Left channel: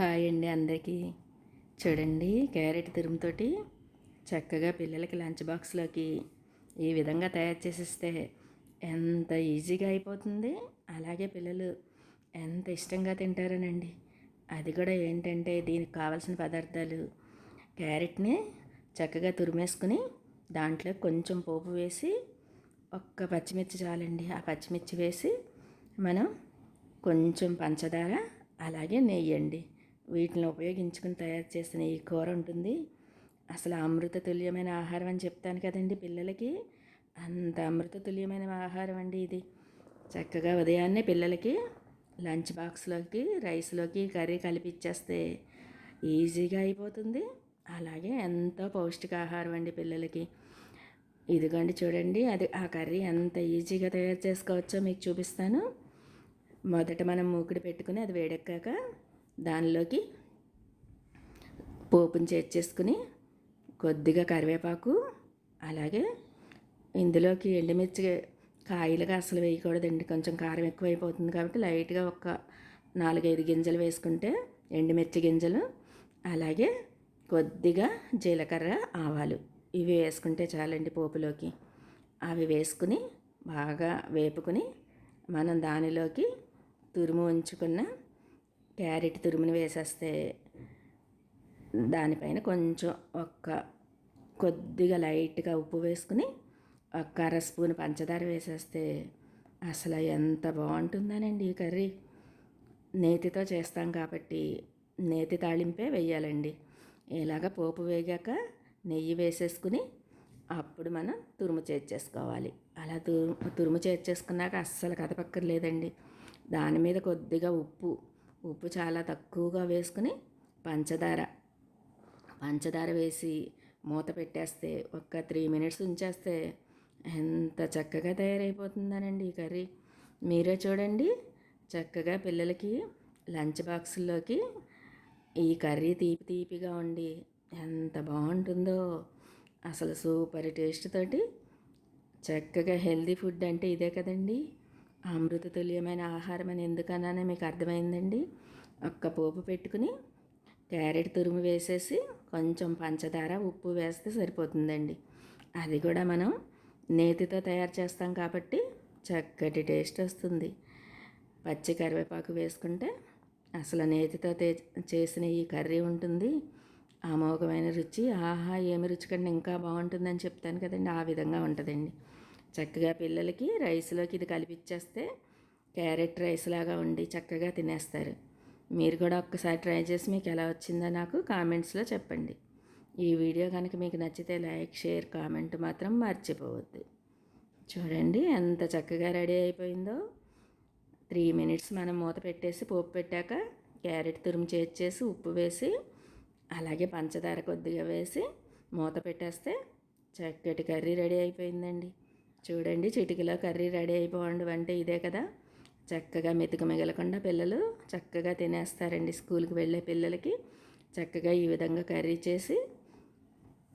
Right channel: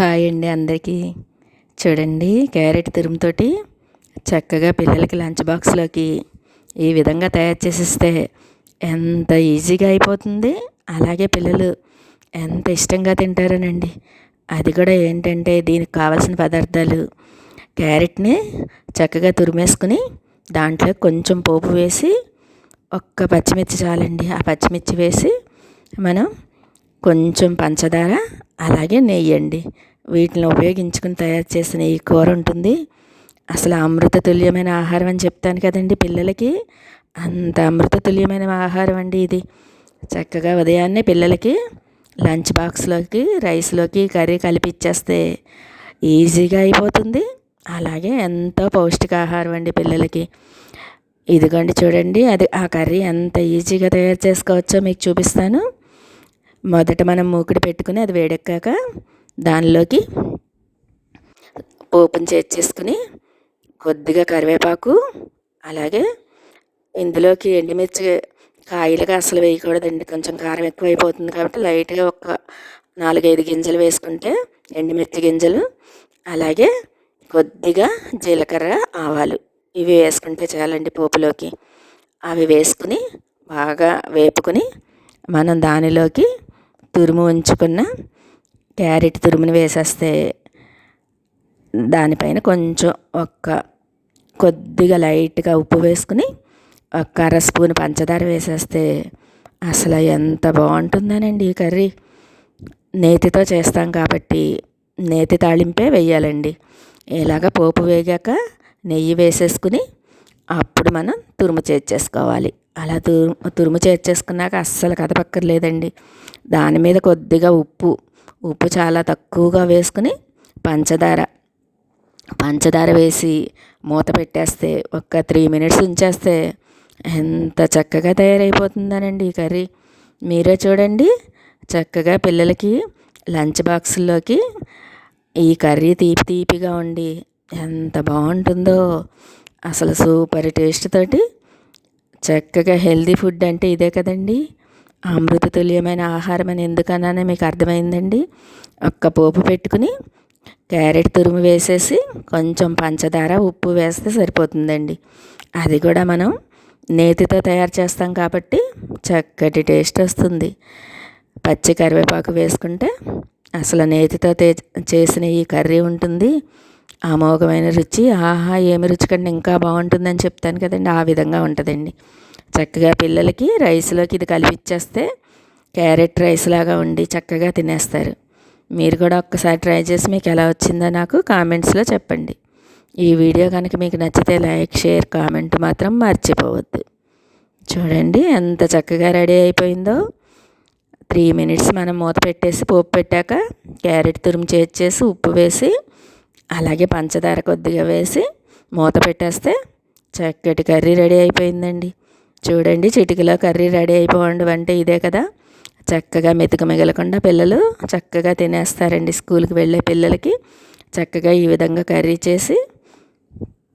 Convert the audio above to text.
Hi అండి అందరికీ. చూడండి క్యారెట్ తురుముతోటి చక్కగా పిల్లలకి లంచ్ బాక్స్లోకి ఈ విధంగా తయారు చేసిస్తే ఎంత ఈజీగా అయిపోతుంది. అలాగే పిల్లలు ఎంత ఇష్టంగా తింటారనండి. అది కూడా ఏంటంటే దీనికి కావాల్సిన పదార్థాలు. క్యారెట్ని చక్కగా తురిమేసుకుని దాంట్లో కొంచెం పోపు వేసి ఒక్క పచ్చిమిర్చి చాలండి. ఆ పచ్చిమిర్చి వేసి మనం కొంచెం పంచదార అలాగే నెయ్యండి. వీటిని ఉపయోగించుకుని తయారు చేసిన ఈ కూర ఉంటుంది. అసలు అమృత తుల్యమైన ఆహారం అని చెప్తాను కదండి పిల్లలకి. అంత అమృత తుల్యమైన ఆహారం అండి ఇది. చక్కగా ఉదయాన్నే పిల్లలకి లంచ్ బాక్స్లోకి రైస్లోకి కర్రీ కలిపిచ్చేస్తే ఈజీగా అయిపోతుంది. అలాగే ఎంతో పౌష్టికాహారం అండి పిల్లలకి. ఇదిగోండి చూడండి అది ఆ కర్రీ ఎంత ఈజీగా తయారు చేసుకోవచ్చో మీకు చూపిస్తాను. మొదట మనం మూకుడు పెట్టుకుని అది వేడెక్కాక దానిలోకి పోపుని చేర్చేసుకుని కొద్దిగా కరివేపాకు అలాగే ఇందులోకి ఎండుమిర్చి కాయలుగా అసలు వేయకూడదండి. కొంచెం కారం ఎక్కువైపోతుంది కాబట్టి లైట్గా ఒక నాలుగైదు గింజలు వేసుకుంటే ఎండుమిర్చి గింజలు అలాగే కొద్దిగా జీలకర్ర ఆవాలు ఇవి వేసుకుంటే చాలండి పోపులోకి. అవి వేసుకుని బాగా వేపుకుని మనం దానిలోకి తురుము ఉంచుకున్న క్యారెట్ తురుముని వేసేస్తే దానిపైన కొంచెం ఒక్క కొద్దిగా లైట్గా ఉప్పు వేసుకుని ఒక అర స్పూన్ పంచదార వేసేస్తే అసలు ఎంత బాగుంటుందనండి ఈ కర్రీ. నేతితో చేస్తాం కాబట్టి నేతి తాళింపే వేయాలండి. ఇలాగ పోపు వేగాక నెయ్యి వేసేసుకుని అప్పుడు మనం తురుము చేర్చేసుకోవాలి. అలా తురుము తురుము చేర్చేసుకున్నాక అస్సలు కదపక్కర్లేదండి. దాని మీద కొద్దిగా ఉప్పు ఉప్పు చాలా తక్కువగా వేసుకుని పంచదార. పంచదార వేసి మూత పెట్టేస్తే ఒక త్రీ మినిట్స్ ఉంచేస్తే ఎంత చక్కగా తయారైపోతుందనండి ఈ కర్రీ. మీరే చూడండి చక్కగా పిల్లలకి లంచ్ బాక్సుల్లోకి ఈ కర్రీ తీపి తీపిగా ఉండి ఎంత బాగుంటుందో. అసలు సూపర్ టేస్ట్ తోటి చక్కగా హెల్దీ ఫుడ్ అంటే ఇదే కదండీ. అమృత తుల్యమైన ఆహారం అని ఎందుకన్నానే మీకు అర్థమైందండి. ఒక్క పోపు పెట్టుకుని క్యారెట్ తురుము వేసేసి కొంచెం పంచదార ఉప్పు వేస్తే సరిపోతుందండి. అది కూడా మనం నేతితో తయారు చేస్తాం కాబట్టి చక్కటి టేస్ట్ వస్తుంది. పచ్చి కరివేపాకు వేసుకుంటే అసలు నేతితో చేసిన ఈ కర్రీ ఉంటుంది. అమోఘమైన రుచి ఆహా ఏమి రుచి కంటే ఇంకా బాగుంటుందని చెప్తాను కదండి. ఆ విధంగా ఉంటుందండి. చక్కగా పిల్లలకి రైస్లోకి ఇది కలిపిచ్చేస్తే క్యారెట్ రైస్ లాగా ఉండి చక్కగా తినేస్తారు. మీరు కూడా ఒక్కసారి ట్రై చేసి మీకు ఎలా వచ్చిందో నాకు కామెంట్స్లో చెప్పండి. ఈ వీడియో కనుక మీకు నచ్చితే లైక్ షేర్ కామెంట్ మాత్రం మర్చిపోవద్దు. చూడండి ఎంత చక్కగా రెడీ అయిపోయిందో. త్రీ మినిట్స్ మనం మూత పెట్టేసి పోపు పెట్టాక క్యారెట్ తురుము చేర్చేసి ఉప్పు వేసి అలాగే పంచదార కొద్దిగా వేసి మూత పెట్టేస్తే చక్కటి కర్రీ రెడీ అయిపోయిందండి. చూడండి చిటికలో కర్రీ రెడీ అయిపోండి అంటే ఇదే కదా. చక్కగా మెతుక మిగలకుండా పిల్లలు చక్కగా తినేస్తారండి స్కూల్కి వెళ్ళే పిల్లలకి. చక్కగా ఈ విధంగా కర్రీ చేసి